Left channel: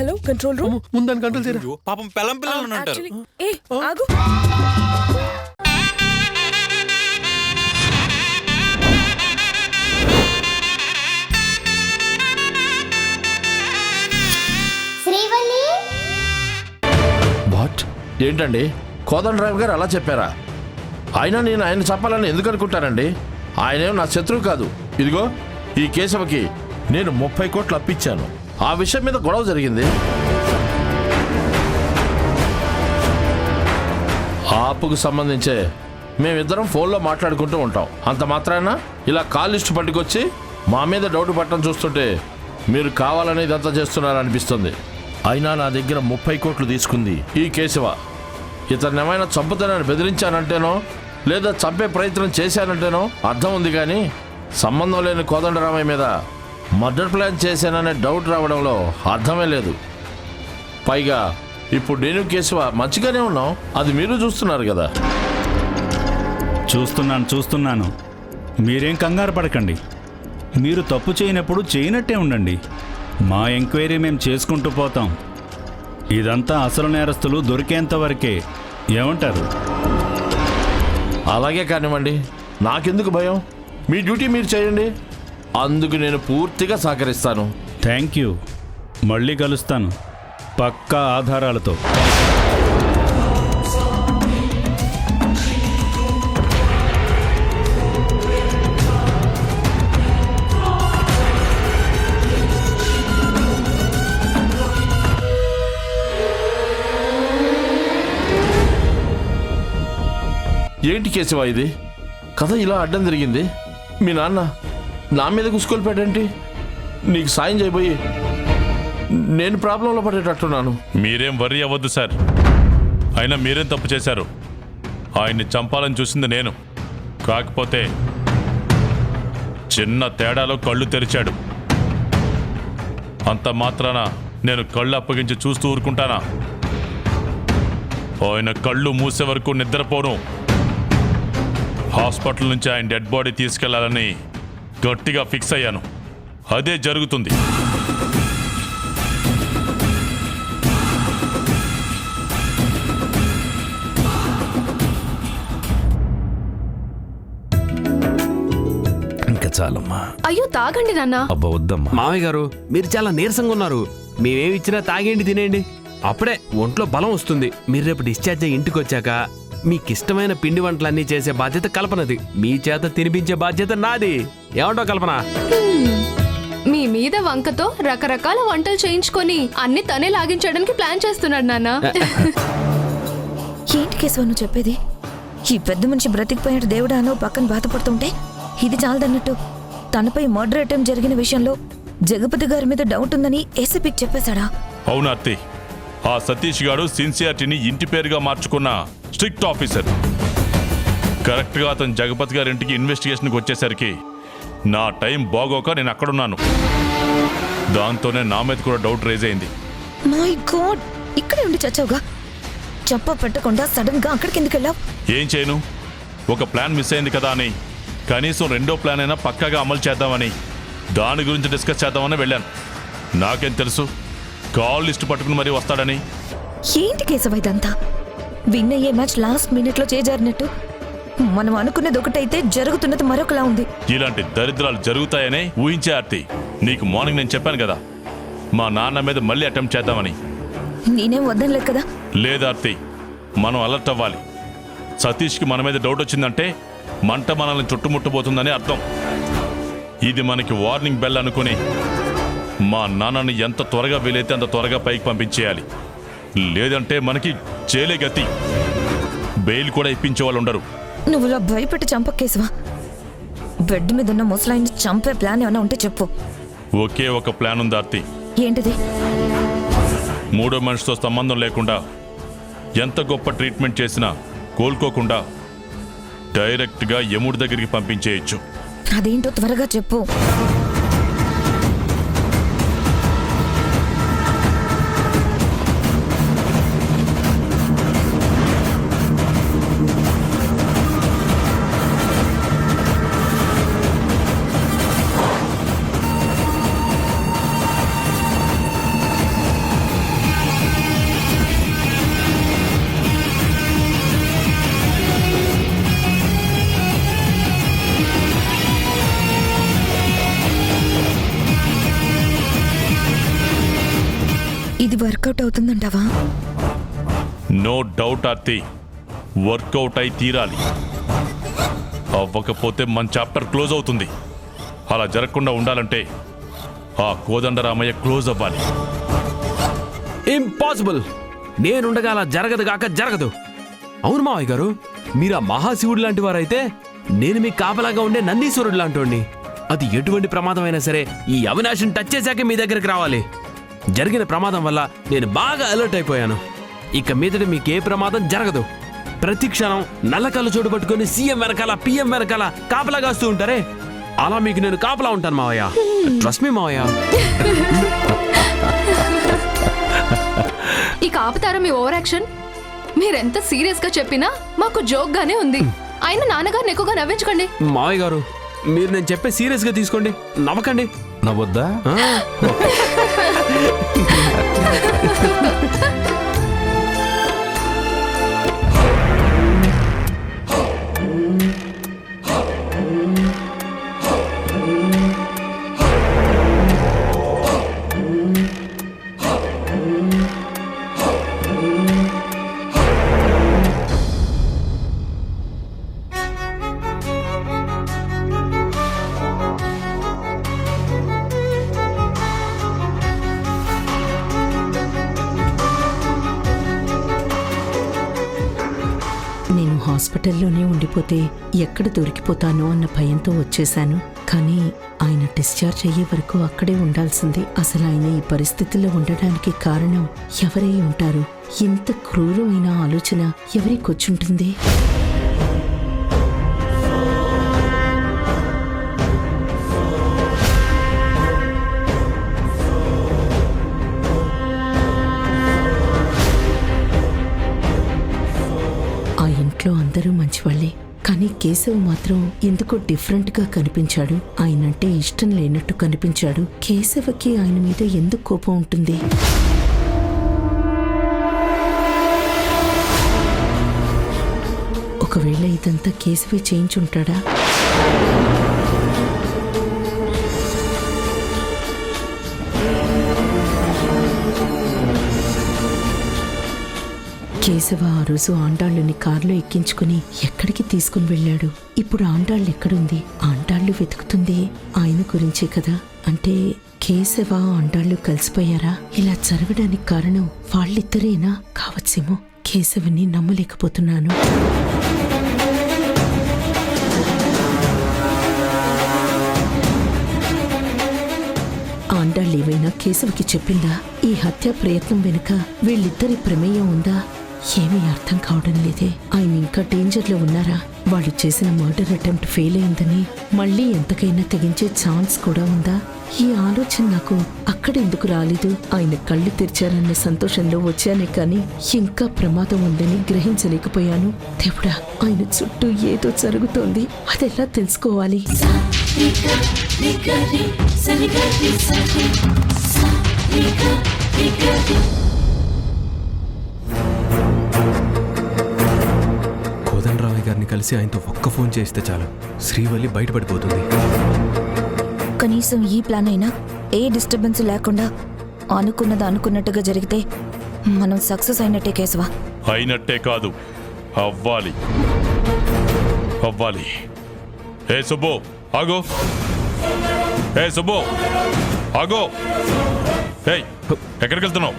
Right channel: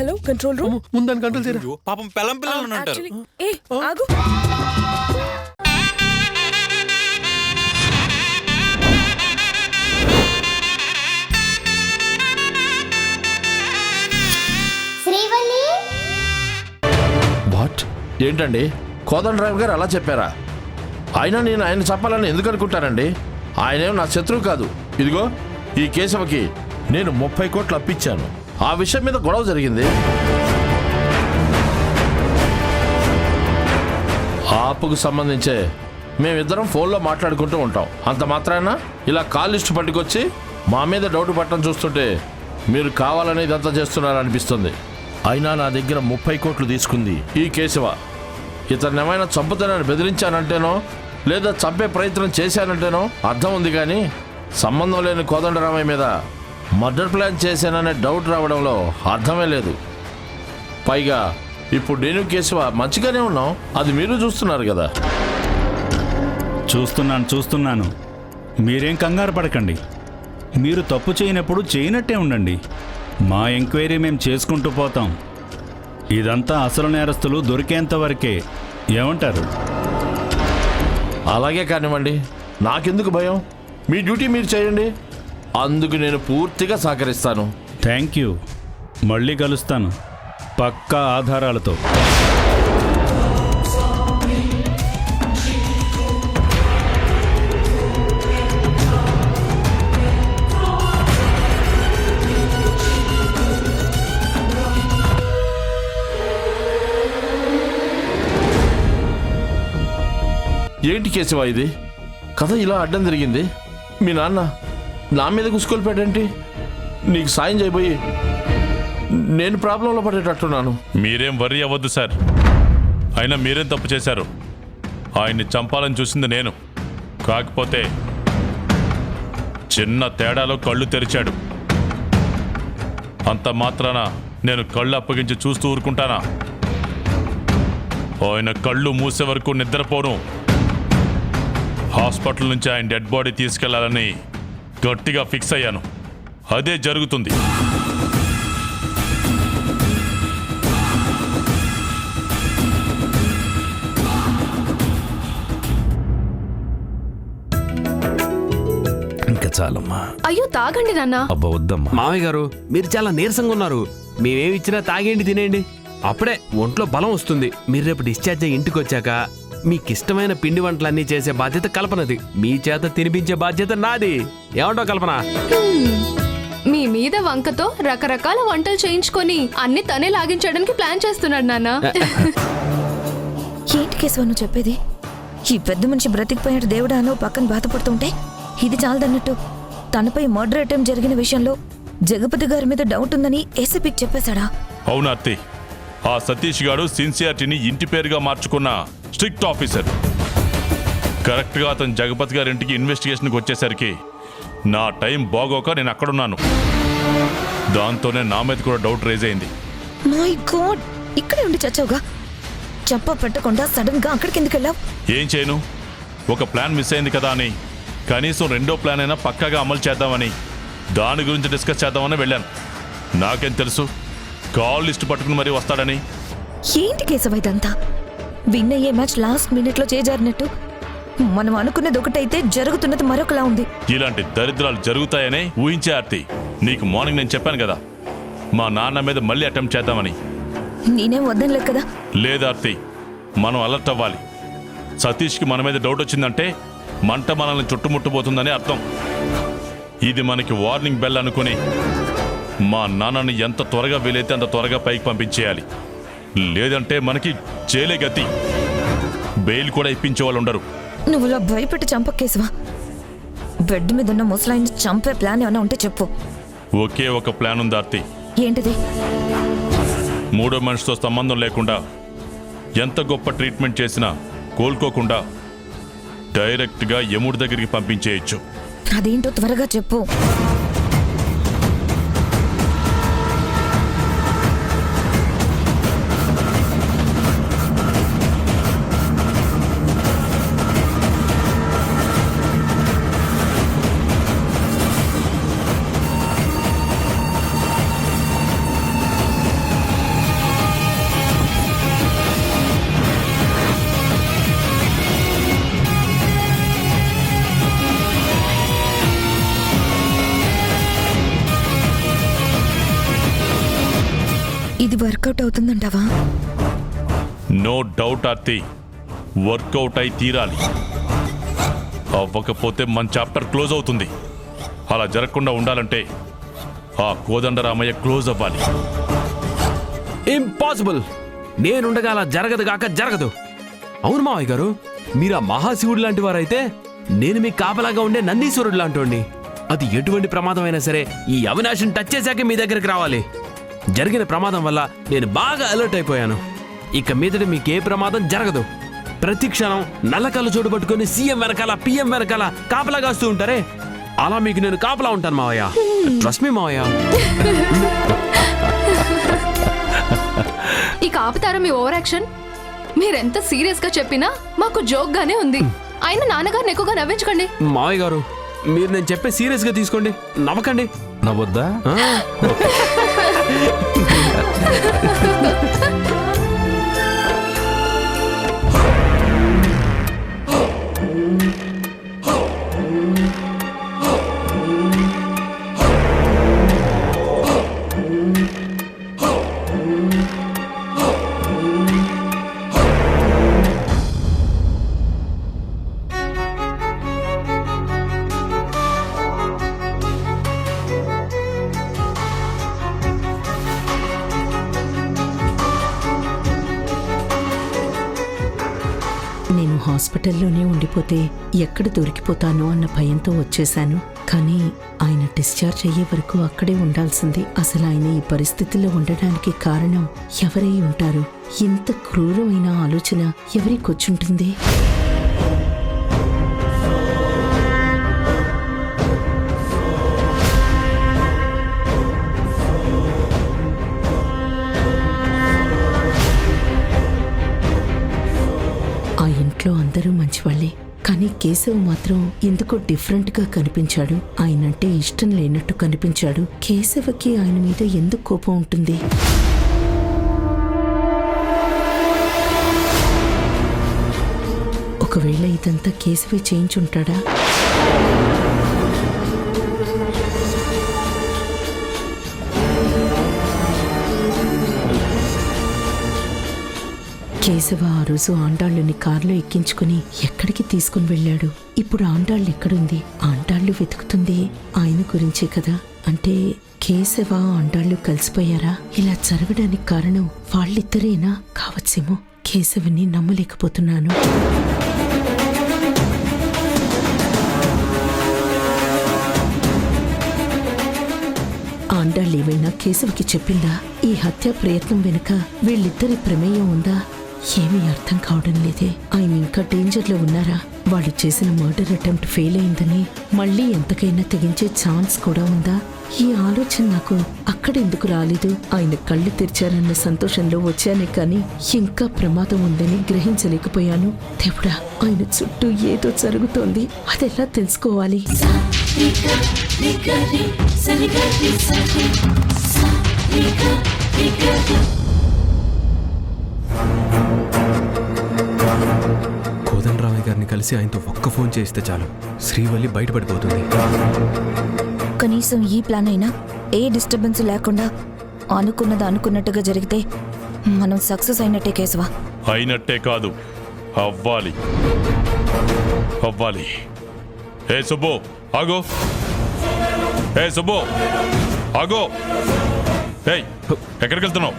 Hello control room. ముందని control చేయరా. పాపం పెళ్ళం పిల్లలు ఉంటారు. ఏ ఆగు. వాట్ ఏంటండి కోదండరావు గారు అలా చెప్పారా? అయినా నేను ఆయన చెప్పాలని ఎందుకు అనుకుంటానండి? ఆయనేం నా శత్రువు కాదు. ఇదిగో ఈ కేశవకి నేను 30 కోట్లు అప్పిచ్చాను. ఆ విషయం మీద గొడవ జరిగింది. ఆ అప్పుకు సంబంధించే మేమిద్దరం ఫోన్లో మాట్లాడుకుంటూ ఉంటాం. అంత మాత్రాన ఇలా కాల్ లిస్టు పట్టుకొచ్చి మా మీద డౌట్ పట్టడం చూస్తుంటే మీరు కావాలని ఇదంతా చేస్తున్నారనిపిస్తుంది. అయినా నా దగ్గర 30 కోట్లు తీసుకుంది ఈ కేశవ. ఇతను ఏమైనా చంపుతానని బెదిరించానంటేనో లేదా చంపే ప్రయత్నం చేశానంటేనో అర్థం ఉంది, కానీ సంబంధం లేని కోదండరామయ్య మీద మర్డర్ ప్లాన్ చేశాననే డౌట్ రావడంలో అర్థమే లేదు. పైగా ఇప్పుడు నేను కేశవ మంచిగానే ఉన్నాం, అది మీరు చూస్తున్నారు కదా. చూస్తున్నాను. మీరేం కంగారు పడకండి. మీరు తప్పు చేయనప్పుడు చేయనట్టే ఉండండి. మా ఎంక్వైరీ మేము చేసుకుంటూ పోతాం. ఇదంతా అసలు నేరస్తులు దొరికేంత వరకే. ఏమంటారు? అలాగే కానివ్వండి, నాకెందుకు భయం? మీ డ్యూటీ మీరు చేయండి, అందుకు నేను పూర్తిగా సహకరిస్తాను. Thank you. మళ్ళీ కలుస్తాను పక్కా ఆధారాలతో. ఏంటి కేశవ ఇది? కథ ఇలా అడ్డం జరిగింది. మీ నాన్న నా మీద కుసుకొల్పాడేంటి? నీకు సాయం చేయబోయి నేను ప్రాబ్లంలో పడేటట్టున్నాను. మీరేం వర్రీ అవ్వద్దు సార్. అయినా మీరేం తప్పు చేశారు? ఆయన్ని చంపాలని చూసింది నేను. కాకపోతే చిన్న తేడాలో కళ్ళు తెరిచాడు. అంత మాత్రాన నేను కళ్ళు అప్పగించి చూస్తూ ఊరుకుంటానా? ఆయన కళ్ళు మూసే వరకు నిద్రపోను. హాస్పిటల్ నుంచి ఆయన డెడ్ బాడీ తీసుకెళ్లాలని గట్టిగా ఫిక్స్ అయ్యాను. అదే జరుగుతుంది. ఇంకా చాలమ్మా. అయ్యో తాగండి నాన్న. అబ్బా వద్దమ్మా. మామయ్య గారు మీరు చాలా నీరసంగా ఉన్నారు. మేమేమి ఇచ్చినా తాగేండి, తినేయండి. అప్పుడే ఒంట్లో బలం వస్తుంది. మీరు రేపు డిశ్చార్జ్ అయ్యి ఇంటికి వచ్చాక మీకిష్టమైన పిండి వంటలన్నీ చేసే బాధ్యత కల్పనది. మీ చేత తినిపించే బాధ్యత నాది. ఏమంటావు కల్పన? మీ మీద వంకతో రకరకాల వంటలు చేయించుకొని అన్ని తనే లాగించడానికి ప్లాన్ చేస్తున్నాడు నాన్న. ఏంటి కేశవ నువ్వు చెప్పేది? ఈ పెద్ద మనిషి బ్రతికిపోయాడు దేవుడా అని పక్కన బాధపడుతుంటే ఇది చాలదన్నట్టు తనపై మర్డర్ అటెంప్ట్ జరిగిన విషయంలో జగపతి గారి మీద డౌట్ ఉందని ఏసీపీకి చెప్పేశాడా? అవునార్తి, ఆ సతీష్ గారు సిన్సియారిటీని ఇంటి పేరుగా మార్చుకున్న స్ట్రిక్ట్ ఆఫీసర్. కరెక్ట్గా అతను జగపతి గారి ఇంటికి ఇన్వెస్టిగేషన్కి వచ్చేసరికి నా టైం బాగోక నేను అక్కడున్నాను. దాంతోనే నా మీద కూడా డౌట్ రేజ్ అయింది. మై గాడ్, ఇక్కడే ఉండి చచ్చావుగా. చెప్ప పెట్టకుండా సడన్ గా అక్కడికి ఎందుకు వెళ్ళావు? ఏం చేయను, ఒక ప్లాన్ మిస్ అయింది కదా అని కనీసం రెండో ప్లాన్ అయినా పక్కాగా అమలు చేద్దామని, దాని గురించి డిస్కస్ చేద్దామని వెళ్ళాను. నాకేం తెలుసు కాల్ లిస్ట్ పట్టుకుని మరీ వస్తాడని. ఏంటి కేశవ ఇదంతా? విన్ అయ్యే మ్యాచ్ లాస్ట్ మినిట్ లో చేజారినట్టు మనం అనుకున్నది ఒకటైతే జరుగుతున్నది మరొకలా ఉంది. ఇలాంటి దరిద్రాలు జరుగుతాయనే ఊహించే ఆర్తి. నీకు మార్నింగ్ నేను చెప్పాను కదా మా నాన్న మీద మళ్ళీ అటెంప్ట్ చేద్దామని. నేనేం వద్దనలేదు కదా. లేదు ఆర్తి, మనం అలర్ట్ అవ్వాలి. సతీష్కి మన మీద డౌట్ వచ్చిందంటే మంట మనల్ని చుట్టుముట్టబోతుందని అర్థం. ఇది మనకి వార్నింగ్ బెల్ అనుకుని మా నాన్నని ఎంత త్వరగా వీలైతే అంత త్వరగా పైకి పంపించేయాలి. లేదంటే మనకి జైలే గతి. బెయిల్ కూడా ఇప్పించే వాళ్ళు ఉండరు. నువ్వు ఇలా భయపెట్టి చంపకేశవా? బెడ్ మీద ఉన్న ముసలాయిని చంపే ప్లాన్ ఏమైనా ఉంటే చెప్పు. ఒకే ఒక ప్లాన్ ఉంది ఆర్తి. ఏంటిది? మూడో మనిషితో సంబంధం లేకుండా ఎంత గొప్ప ట్రీట్మెంట్ చేసినా కోలుకోకుండా డైరెక్ట్గా యముడి దగ్గరికి పంపించేయచ్చు. అదేంటో త్వరగా చెప్పు. ఇది వర్కౌట్ అవుతుందంటావా? నో డౌట్ ఆర్తి, వర్కౌట్ అయి తీరాలి. అవ్వకపోతే మన చాప్టర్ క్లోజ్ అవుతుంది. అలా జరగకుండా ఉండాలంటే ఆ కోదండరామయ్య క్లోజ్ అవ్వాలి. ఇంపాసిబుల్. నేనుండగా అలా జరగదు కాక జరగదు. అవును మావయ్య గారు, మీరు ఆ మహాశివుడు లాంటి వారైతే నేను మీకు కాపలాగా ఉండే నందీశ్వరుడు లాంటి. అది ఎటువంటి ప్రమాదం అయినా సరే ఈ అవినాశిని టచ్ చేశాకే మీ దగ్గరికి రావాలి. జరిగిన ప్రమాదం వల్ల నేను బాగా అలర్ట్ అయిపోయాను. ఇక మీదట మీకే ప్రమాదం జరగదు. ప్రతి క్షణం నల్లకల్లు చోటు పట్టుకొని సీఎం వెనకాల పిఎం వెనకాల కాపలా కాస్తూ ఉంటారే, అలా మీకు నేను కాపలా ఉంటాను మావయ్య. ట్రస్ట్ మీ మావయ్య. ఇక ఆపుతారా మీ ఓవర్ యాక్షన్? మీరెంత సీరియస్ గా చెప్పినా మాకు జోక్ గానే ఉంది. అయినా నాన్నగారిని ఎక్కువగా నవ్వించకండి. మావయ్య గారు, మీరు నేను చెప్పే సీరియస్ గా తీసుకోండి, నవ్వకండి. నవ్వొద్దా? నేను హాస్పిటల్లోనే ఉండిపోతే ఎక్కడ దొరికిపోతానో అన్న భయంతో వచ్చేశాను. కానీ ఆయన డిశ్చార్జ్ అయ్యే వరకు అక్కడే ఉండాల్సింది. అసలు ఆయన ఈ పరిస్థితిలో ఉండడానికి కారణం ఎవరై ఉంటారు? ఇంత క్రూరమైన ఆలోచన ఎవరికొచ్చుంటుంది? ఆ ఇంట్లో అందరూ మంచివాళ్లే, కానీ కేశవ్ మాత్రం ఎందుకో డిఫరెంట్ గా కనిపించాడు. ఆయనంటే ఇష్టం లేనట్టు కనిపించాడు. కేశవకి ఆయన మీద ఎందుకు కోపం ఉంటుంది? ఒకవేళ ఇదంతా కేశవే చేయించుంటాడా? కేశవ ఆ రోజు ఆండాళ్ళని కారులో ఎక్కించుకుని ఎక్కడికి తీసుకుని వెళ్ళాడు? ఇప్పుడు ఆండాళ్ళు ఎక్కడుంది? ఆండాళ్ళు వెతుకుతుంది ఆయన గురించే కదా. అంటే కేశవ ఆండాళ్ళు కలిసిపోయారా? ఇలా జరగడానికి కారణం వాళ్ళిద్దరేనా కావచ్చేమో. కేశవని నమ్మలేకపోతున్నాను. ఆండాళ్ళేమైనా కేశవకి చెప్పిందా? ఈ హత్య ప్రయత్నం వెనుక వీళ్ళిద్దరి ప్రమేయం ఉందా? ఏమీ అర్థం కావడం లేదే. ఆయన ఇంకా డేంజర్లో ఉన్నారా? వాళ్ళు చేసిన మర్డర్ అటెంప్ట్ ఫెయిల్ అయిందని మళ్ళీ ఎంతకైనా తెగించే ఛాన్స్ కూడా ఉందా? ఈ ఆలోచన నాకు అక్కడెందుకు రాలేదు? ఆయన కళ్ళు తెరిచారన్న సంతోషంలో వచ్చానే కానీ ఇంకా ప్రమాదం ఉందని గ్రహించలేకపోయాను. దేవుడా, ఆయన చుట్టూ ఏదో జరుగుతోంది. అదెలా తెలుసుకోవాలి? కోదండరామయ్య గారిని కలిసి ఆయనతో ఒక్క ఫోన్ చేస్తే చాలు, శ్రీవల్లి బయటపడిపోతుంది. కనీసం ఈ ప్లాన్ అయినా ఏ డిస్టర్బెన్స్ లేకుండా అనుకున్నది అనుకున్నట్టుగా జరిగితే మనం సక్సెస్ అయినట్టే కేశవ. అయినట్టే కాదు, అవ్వాలి. అవ్వాలి. ఏ సుబ్బు ఆగో, ఏ సుబ్బు ఆగో. ఏయ్, ఎక్కడికి వెళ్తున్నావు?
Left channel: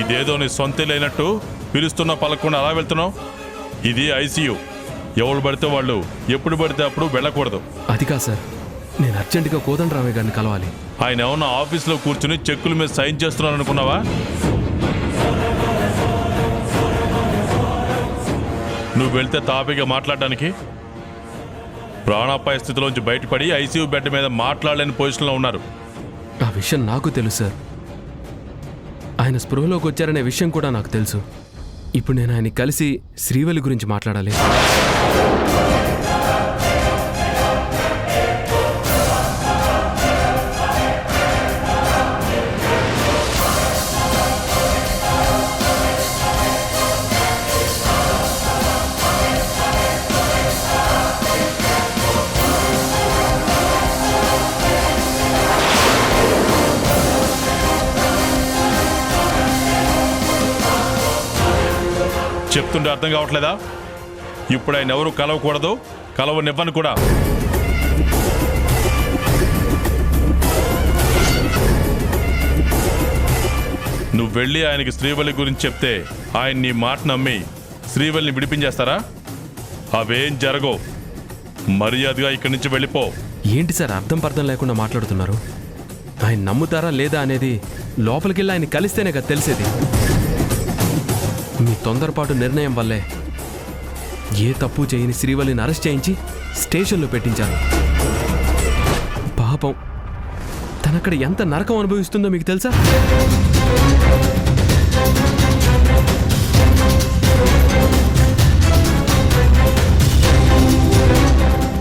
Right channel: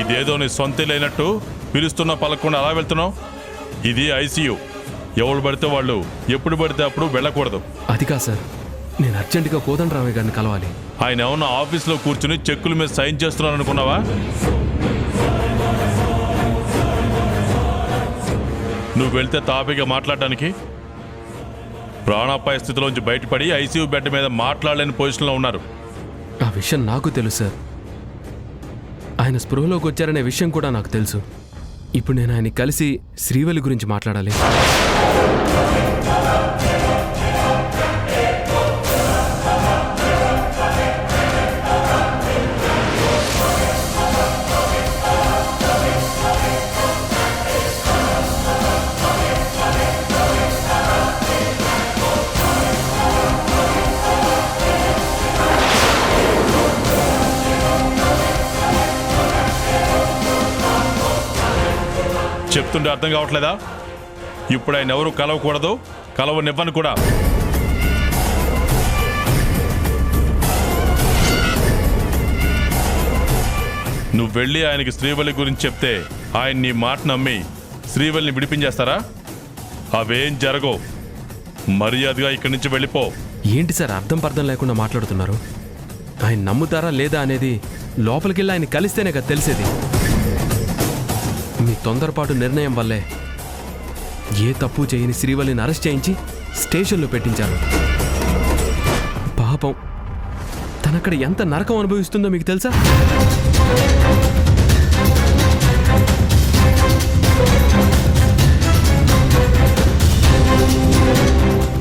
ఇదేదో నీ సొంత లేనట్టు పిలుస్తున్నా పలకుండా అలా వెళ్తున్నావు. ఇది ఐసీయూ. ఎవరు పడితే వాళ్ళు ఎప్పుడు పడితే అప్పుడు వెళ్ళకూడదు. అది కాదు సార్, నేను అర్జెంటుగా కోదండరామయ్య గారిని కలవాలి. ఆయన ఏమన్నా ఆఫీస్లో కూర్చుని చెక్కుల మీద సైన్ చేస్తున్నాను అనుకున్నావా? నువ్వు వెళ్తే తాపిగా మాట్లాడడానికి ప్రాణాపాయ స్థితిలోంచి బయటపడి ఐసీయూ బెడ్ మీద మాట్లాడలేని పొజిషన్లో ఉన్నారు. ఆ విషయం నాకు తెలుసు సార్. ఆయన స్పృహలోకి వచ్చారనే విషయం కూడా నాకు తెలుసు. ఇప్పుడు నేను ఆయన కలిసి శ్రీవల్లి గురించి మాట్లాడాలి. చెప్తుంటే అర్థం కావట్లేదా? ఇప్పుడు ఆయన ఎవరు కలవకూడదు, కలవనివ్వను కూడా. నువ్వు వెళ్ళి ఆయనకి శ్రీవల్లి గురించి చెప్తే ఆయన నీ మాట నమ్మి శ్రీవల్లిని విడిపించేస్తారా? అవేం జరగవు. మర్యాదగా ఇక్కడి నుంచి వెళ్ళిపో. ఏంటి సార్ అర్థం పర్థం లేకుండా మాట్లాడుతున్నారు? ఆయన నమ్ముతారా లేదా అనేది లోపలికెళ్ళి ఆయన కలిస్తేనే కదా తెలిసేది. మీ తొందరపాటు నిర్ణయం వల్లే ఏ తప్పు చేయని శ్రీవల్లిని అరెస్ట్ చేయించి స్టేషన్లో పెట్టించారు. పాపం తనక్కడ ఎంత నరకం అనుభవిస్తుందో మీకు తెలుసా?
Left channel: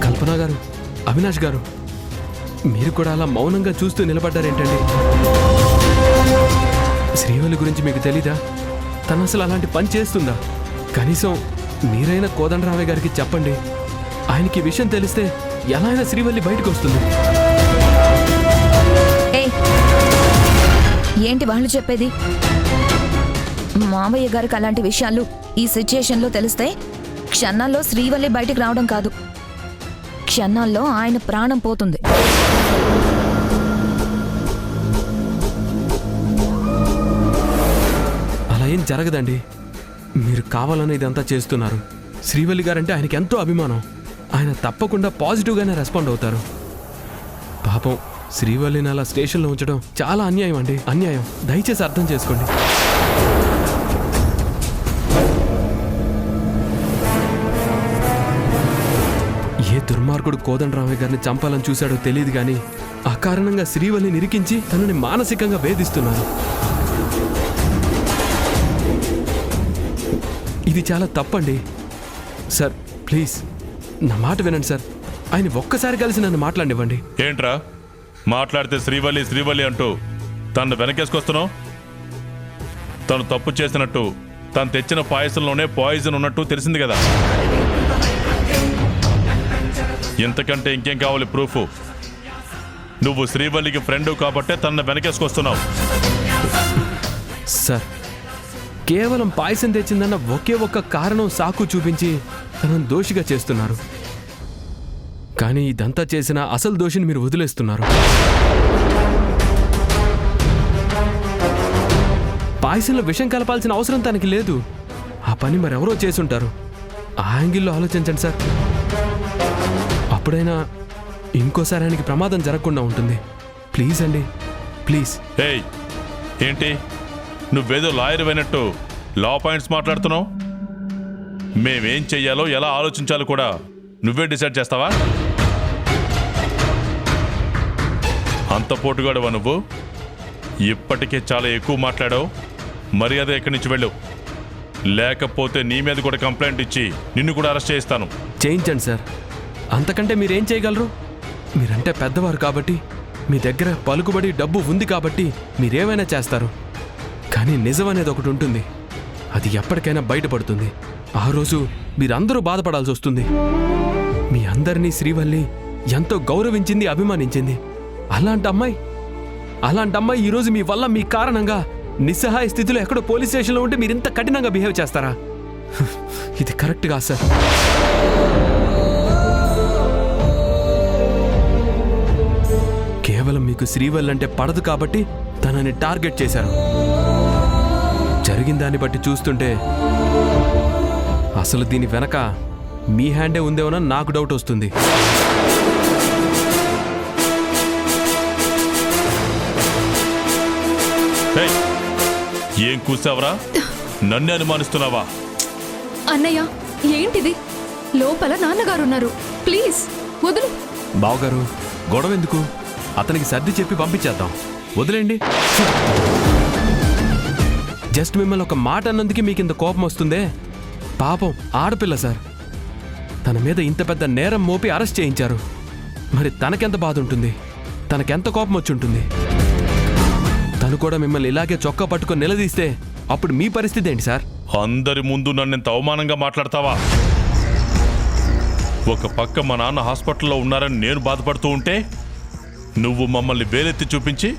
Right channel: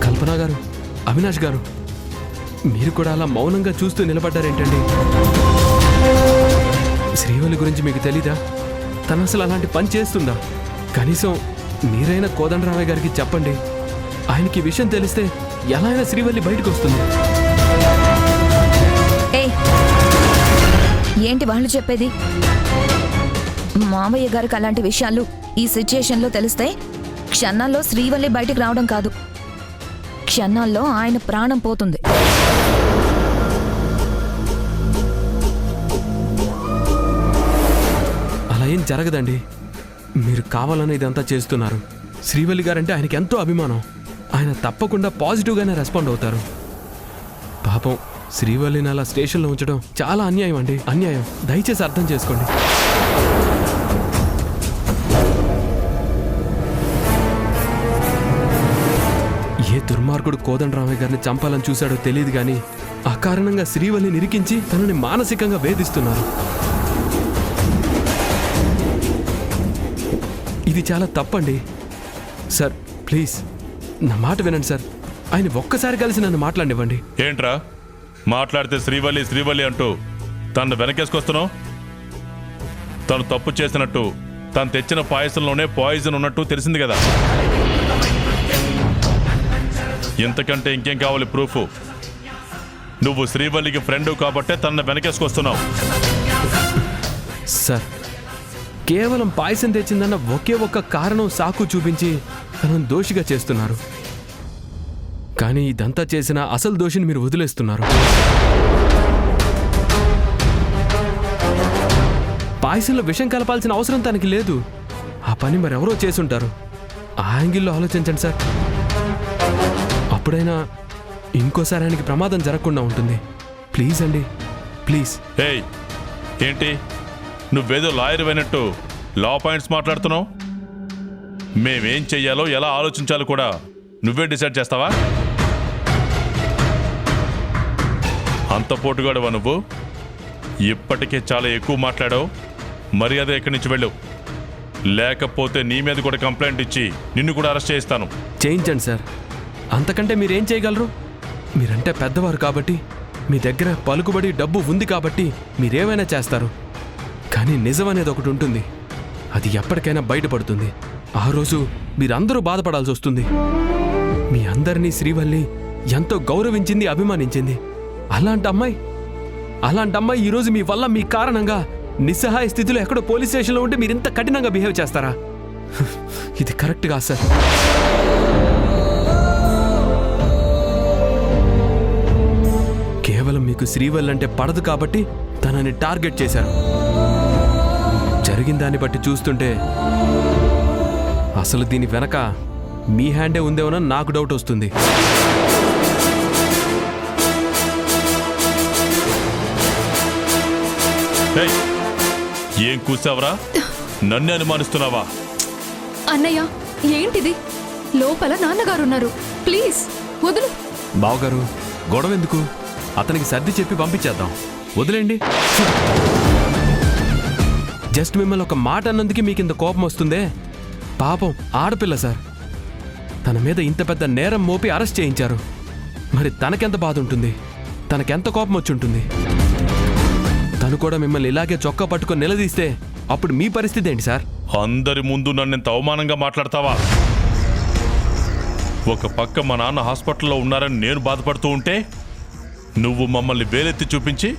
కల్పన గారు, అవినాష్ గారు, మీరు కూడా అలా మౌనంగా చూస్తూ నిలబడ్డారేంటండి? శ్రీవల్లి గురించి మీకు తెలీదా? తను అసలు అలాంటి పని చేస్తుందా? కనీసం మీరైనా కోదండరామయ్య గారికి చెప్పండి. ఆయనకి ఈ విషయం తెలిస్తే ఎలా అయినా శ్రీవల్లి బయటకు వస్తుంది. ఏయ్, ఏంటి వాళ్ళు చెప్పేది? మావయ్య గారికి అలాంటి విషయాలు ఈ సిచ్యుయేషన్లో తెలిస్తే క్షణాల్లో శ్రీవల్లి బయటికి రావడం కాదు, క్షణాల్లో ఆయన ప్రాణం పోతుంది. అలా ఏం జరగదండి. మీరు కావాలని ఇదంతా చేస్తున్నారు. శ్రీవల్లి గారంటే ఆయనకి ఎంతో అభిమానం. ఆయన తప్పకుండా పాజిటివ్గానే రెస్పాండ్ అవుతారు. పాపం శ్రీవల్లిని అలా స్టేషన్లో ఉంచడం చాలా అన్యాయం అండి, అన్యాయం. దయచేసి అర్థం చేసుకోండి. ఏ దుర్మార్గుడు కోదండరామయ్య గారిని చంపాలని చూశాడో తెలియదు కానీ అకారణంగా శ్రీవల్లిని ఇరికించి తనని మానసికంగా వేధిస్తున్నారు. ఇది చాలా తప్పండి. సార్ ప్లీజ్ నా మాట వినండి సార్. ఆయన ఒక్కసారి కలిసి నన్ను మాట్లాడివ్వండి. ఏంట్రా మాట్లాడితే శ్రీవల్లి శ్రీవల్లి అంటూ తను వెనకేసుకొస్తున్నావు? తను తప్పు చేసినట్టు, తను తెచ్చిన పాయసంలోనే పాయిజన్ ఉన్నట్టు తెలిసింది కదా. ఇంతకంటే ఇంకేం కావాలి ప్రూఫ్? నువ్వు శ్రీవల్లికి ఫ్రెండ్ కాబట్టే తనను వెనకేసుకొస్తున్నావు. సార్ కేవలం పాయసం తెచ్చిందన్న ఒకే ఒక్క కారణం సాకు చూపించి తనను దోషిగా చేస్తున్నారు. కానీ ఇదంతా చేసిన అసలు దోషిని మీరు వదిలేస్తున్నారు. పాయసంలో విషం కలపాల్సిన అవసరం తనకి లేదు. ఆ పని మరెవరో చేసుంటారు. ఆ యాంగిల్లో ఆలోచించండి సార్. అప్పుడైనా ఇంకోసారి ఆయనకి ప్రమాదం జరగకుండా ఉంటుంది. ప్లీజ్ అండి, ప్లీజ్. ఏయ్ ఏంటి నువ్వేదో లాయర్ అయినట్టు లా పాయింట్స్ మాట్లాడుతున్నావు? మేమేం చెయ్యాలో ఎలా ఆలోచించాలో కూడా నువ్వే డిసైడ్ చేస్తావా? అంత పోటుగాడువా నువ్వు? ఇప్పటికే చాలా ఎక్కువ మాట్లాడావు. మర్యాద ఎక్కడి నుంచి వెళ్ళు, లేకపోతే నీ మీద కూడా కంప్లైంట్ ఇచ్చి నిన్ను కూడా అరెస్ట్ చేయిస్తాను. చేయించండి సార్. అంతకంటే మీరేం చేయగలరు? మీరంటే పెద్దవారు కాబట్టి, మీ దగ్గర పలుకుబడి డబ్బు ఉంది కాబట్టి మీరేమైనా చేస్తారు. కానీ నిజం అనేది ఒకటి ఉంటుంది. అది ఎప్పటికైనా బయటపడుతుంది. ఆ రోజు మీరందరూ బాధపడాల్సి వస్తుంది. మీ అందరినీ శ్రీవల్లి ఎంతో గౌరవించింది, అభిమానించింది. అలాంటి అమ్మాయి ఈరోజు మీ వల్ల, మీ కారణంగా నిస్సహాయ స్థితిలో ఎక్కడో పోలీస్ స్టేషన్లో ఉంటే మీరు ఇంత కఠినంగా బిహేవ్ చేస్తారా? ఇది కరెక్ట్ కాదు సార్. కేవలం మీకు శ్రీవల్లి అంటే పడదు కాబట్టి తనని టార్గెట్ చేశారు. జరిగిన దాన్ని బట్టి చూస్తుంటే అసలు దీని వెనక మీ హ్యాండే ఉందేమోనని నాకు డౌట్ వస్తుంది. ఏం కూసావరా? నన్ను అనుమానిస్తున్నావా? అన్నయ్య ఏంటిది? లోపల నాన్నగారున్నారు, ప్లీజ్ వదులు. బావగారు గొడవ ఎందుకు? అతనికి సర్ది చెప్పి పంపించేద్దాం, వదిలేండి. జస్ట్ మిమ్మల్ని ఒక మాట అన్నందుకు మీకు ఇంత కోపం వస్తుందే? పాపం ఆడపిల్ల సార్. తన మీద ఇంత పెద్ద నేరం మోపి అరెస్ట్ చేయించారు. మరి తనకెంత బాధ ఉంటుంది, తనకెంత కోపం వచ్చి ఉంటుంది? తను కూడా మిమ్మల్ని ఇలాగే చొక్కా పట్టుకొని నిలదీస్తే అప్పుడు మీ పరిస్థితి ఏంటి సార్? అందరి ముందు నన్ను ఇంత అవమానంగా మాట్లాడతావా? ఒక పక్క మా నాన్న హాస్పిటల్లో ఉన్నారని నేను బాధపడుతూ ఉంటే నువ్వు మమ్మల్ని వేలెత్తి చూపించి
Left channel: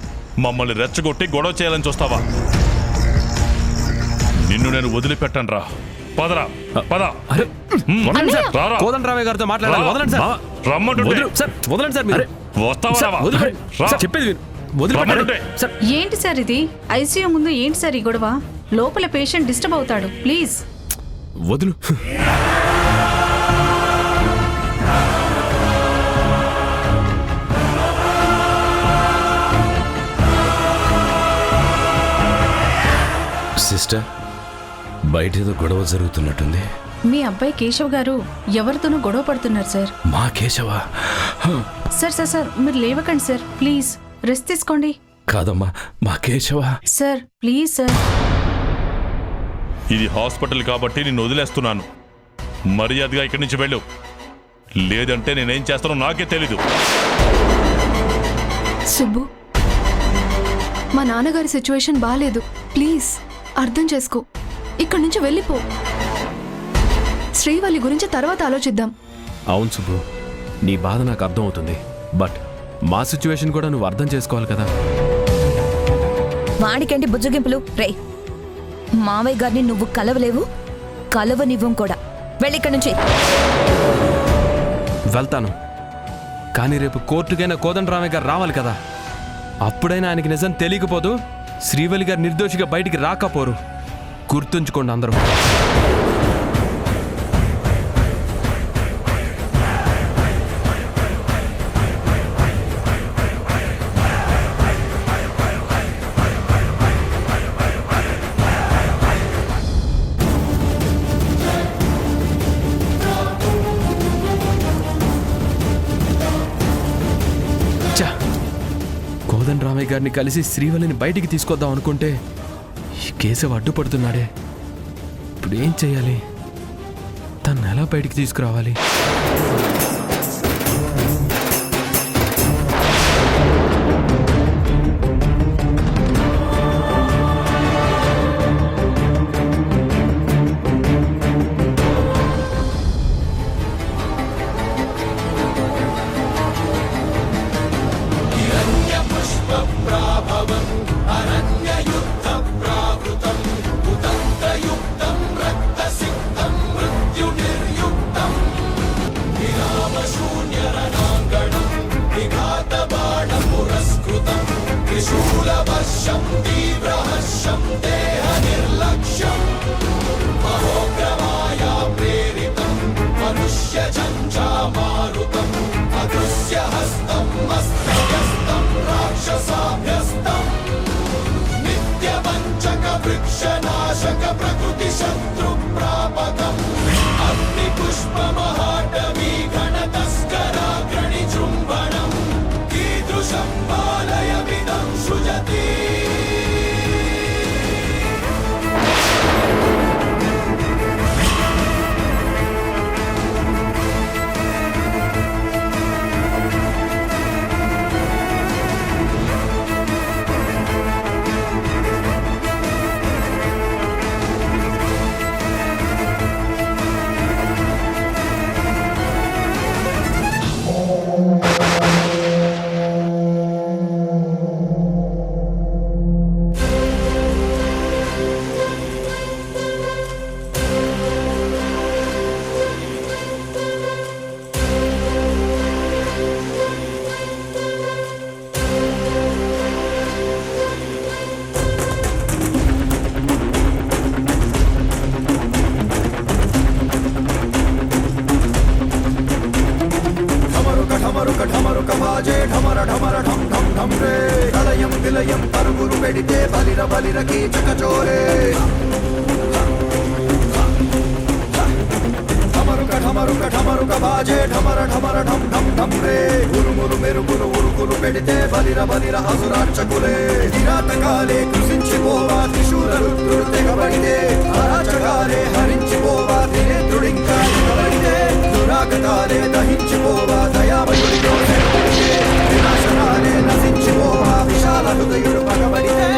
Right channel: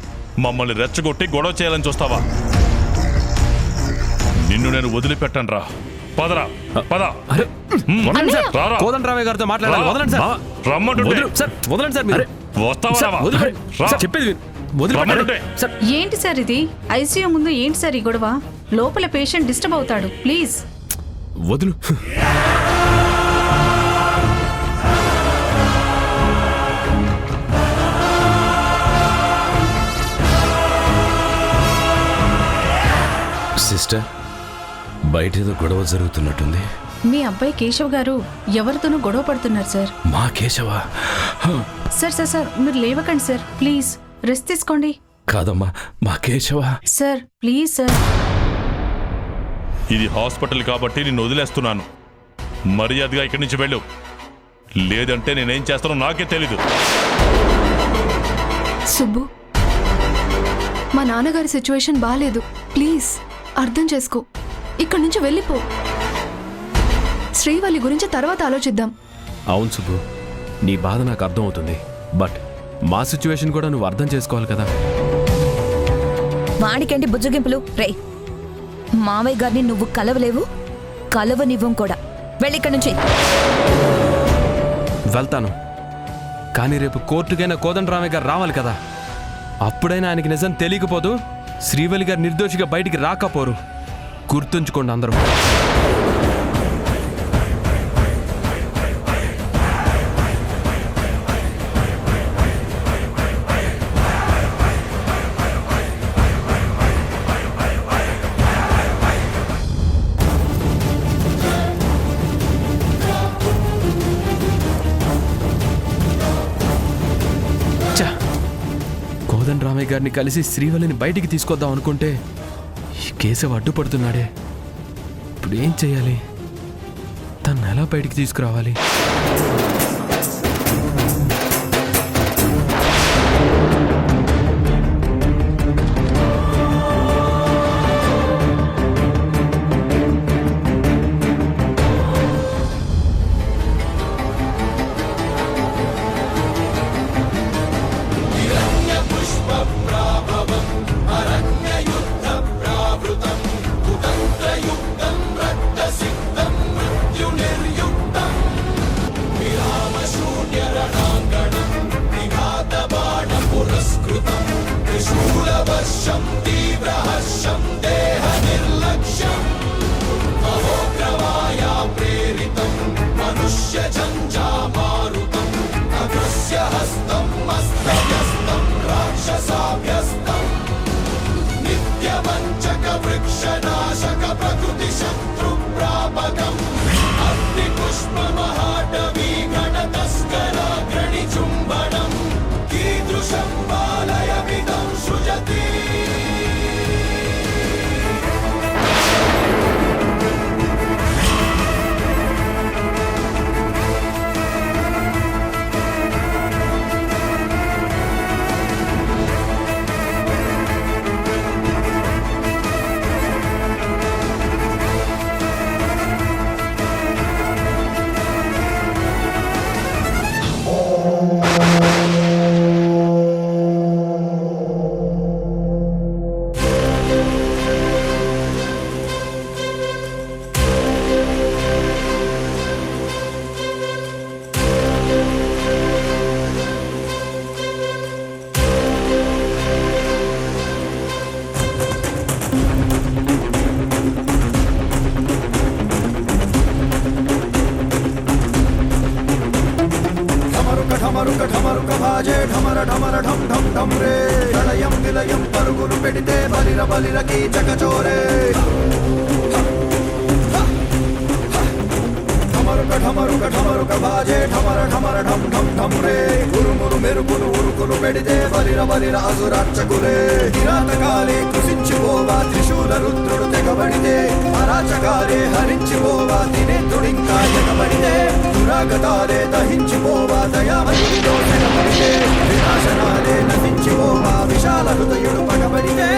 మమ్మల్ని రెచ్చగొట్టి గొడవ చేయాలని చూస్తావా? నిన్ను నేను వదిలిపెట్టనురా. పదరా పద. అరే వదలండి సార్, రారా. కోదండరామయ్య గారితో మాట్లాడాలి. రా. వదలండి సార్. రమ్మంటుంటే. వదలు సార్, వదలండి సార్ మీరు. వస్తావా సార్, రావా? వదిలిపె- రా. సార్, చెప్పేది విను. వదిలిపెట్టండి. రమ్మంటుంటే. సార్ ఏంటి సార్ ఇది? ఐసీయూ ముందు ఏంటి సార్ ఈ గొడవ? లోపల పేషెంట్ డిస్టర్బ్ అవుతాడు, ప్లీజ్. వదులు. సిస్టర్, బయట ఏదో గొడవ జరుగుతున్నట్టుంది. మీ అబ్బాయి కేశవ్ గారు ఎవరితోనూ గొడవ పడుతున్నారు సార్. మా కేశవా? సార్ సార్ సార్ మీరు లేవకండి సార్, ప్లీజ్ రెస్ట్ తీసుకోండి. కాదమ్మా, మా కేశవా. Sir please sir. ఇది హాస్పిటల్ కాబట్టి నిన్ను వదిలేస్తున్నాను. మర్యాదగా ఇక్కడి నుంచి వెళ్ళు, లేదంటే నేనేం చేస్తానో నాకే తెలీదు. సుబ్బు, మా నాన్నగారి సిచ్యువేషన్ బాగాలేదు. ప్లీజ్ అర్థం చేసుకో. ఇక్కడి నుంచి వెళ్ళిపో. శ్రీవల్లి గురించి తర్వాత ఆలోచిద్దాం. అవును సుబ్బు, నీ బాధ నాకు అర్థం అవుతుంది. బట్ మా సిచ్యువేషన్ కూడా నువ్వు అర్థం చేసుకోవాలి కదా. వాడికంటి బుజ్జగింపులు రే. మావయ్య గారిని నువ్వు కలవలేవు, కలవనివ్వం కూడా. వెళ్ళిక్కడి నుంచి. వెళ్తాను, కానీ రేపు కోర్టుకైనా కోదండరామయ్య గారు రావాలి కదా. అప్పుడైనా ఆయనకి నిజం తెలియకపోదు శ్రీవల్లి గారు నిర్దోషిగా బయటికి రాకపోరు. గుర్తుంచుకోండి అందరూ. కోదండరామయ్య గారిని కలిసి శ్రీవల్లిని బయటికి తీసుకొద్దాం అనుకుంటే ఈ కేశవ్ అడ్డుపడుతున్నాడే. ఇప్పుడు ఏం చేయాలి? తను ఎలా బయటికి తీసుకురావాలి? ఢమరుక ఢమరుక బాజే ఢమర ఢమర ఢం ఢం ఢం రే ప్రళయం విలయం పరుగులు పెడితే బలిర బలిర కీచక చోరే ఢమరుక ఢమరుక ఢమరుక బాజే ఢమర ఢమర ఢం ఢం ఢం రే ఉరుములు మెరుపులు ఉరుకులు పెడితే బలిర బలిర అసురాచకులే కిరాతకాలే కృషించిపోవా త్రిశూల రుద్రుడు తెగబడితే అరాచకాలే హరించిపోవా దినేంద్రుడింకా తెగబడితే దురాగతాలే దహించిపోవా దయామయుడిలో తెగబడితే వినాశకాలే నశించిపోవా విశాల హృదయుడు పగబడితే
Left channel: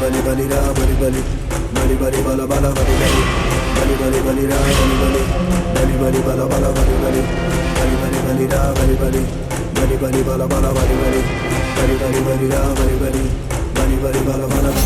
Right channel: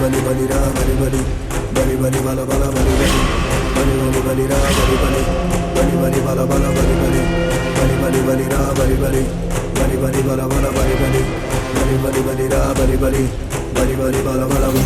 బలి బలి రా బలి బలి బలి బలి బల బల బలి బలి బలి బలి రా బలి బలి బలి బలి బల బల బలి బలి బలి బలి బలి రా బలి బలి బలి బలి బల బల బలి బలి బలి బలి బలి రా బలి బలి బలి బలి బల బలం.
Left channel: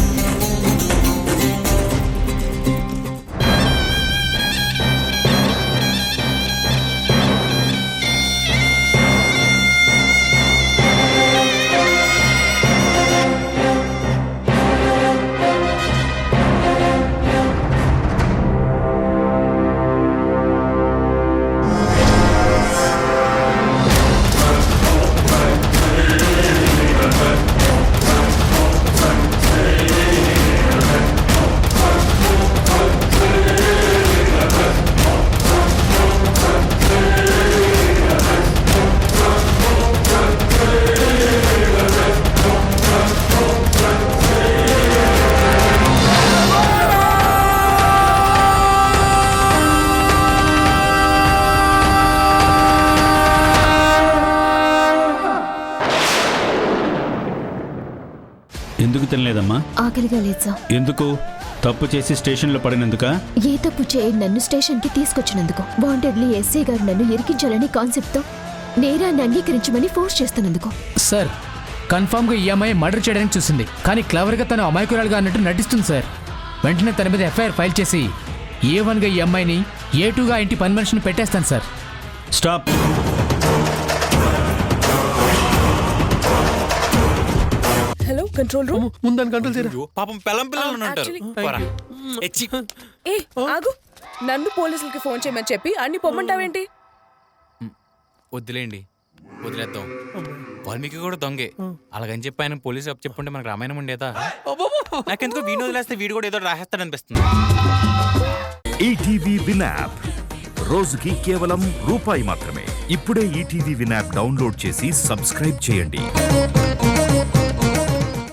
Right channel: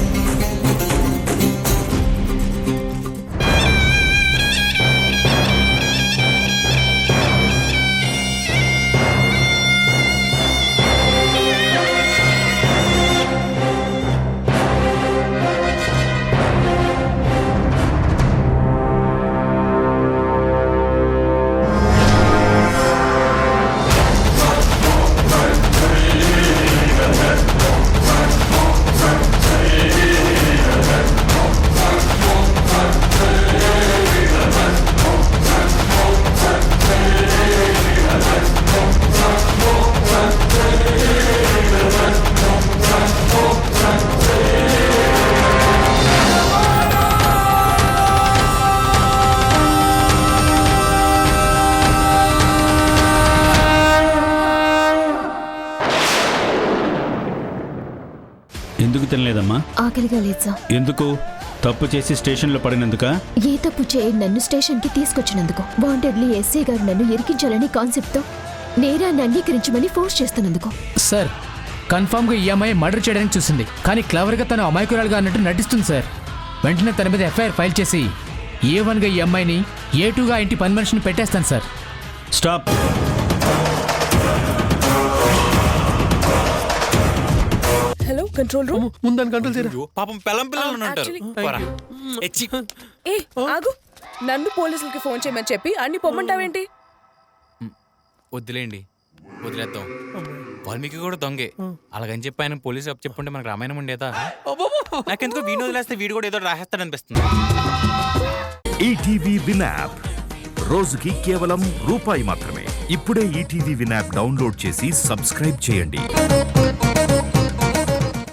ఎందుకు తినలేదమ్మా? ఆకలిగా లేదు సార్. ఎందుకు? తప్పు చేసి స్టేషన్లో పడినందుకా? ఏ తప్పు చేయి నన్ను స్టేషన్కి తీసుకొచ్చినందుకు, వాంటెడ్లీ ఎస్ఐ గారు నన్ను ఇరికించాలని కాన్సెప్ట్తో నేరాన్ని అంగీకరించమని ఫోర్స్ చేస్తున్నందుకు. సార్, కన్ఫామ్గా ఈ అమ్మాయి మర్డర్ చేయడానికి చూసింది, కానీ క్లవర్గా తను అమాయకురాలుగా అన్నట్టు నటిస్తుంది సార్. వెంటనే తన మీద ఎఫ్ఐఆర్ ఫైల్ చేసి A1గా ఈ అమ్మాయిని, A2గా ఇంటి పని మనిషిని పెట్టేస్తాను sir. Stop. Hello, control room. ముందని కంట్రోల్ చేయరా. పాపం పెళ్ళం పిల్లలు ఉంటారు. ఏ ఆగు, నన్ను పోలీసులకి ఫోన్ చేయమని చెప్పి అన్ని పొమ్మంటావేంటి? వద్దులేండి, వదిలేద్దాం. వాల్మీకి కూడా దొంగే, అలాగని చెప్పి ఆయన పోలీసు అప్పు చెప్పుంటే మనకు రామాయణం ఉండేదా? నాకెందుకో వీడియో వదిలేస్తే వీడు కూడా ఏదో రాసేస్తాడనిపిస్తుంది. ఈటీవీ విన్ యాప్ రోజుకి కేవలం రూపాయి మాత్రమే. ఇప్పుడే ఈటీవీ విన్ యాప్ డౌన్లోడ్ చేసి సబ్స్క్రైబ్ చేయండి.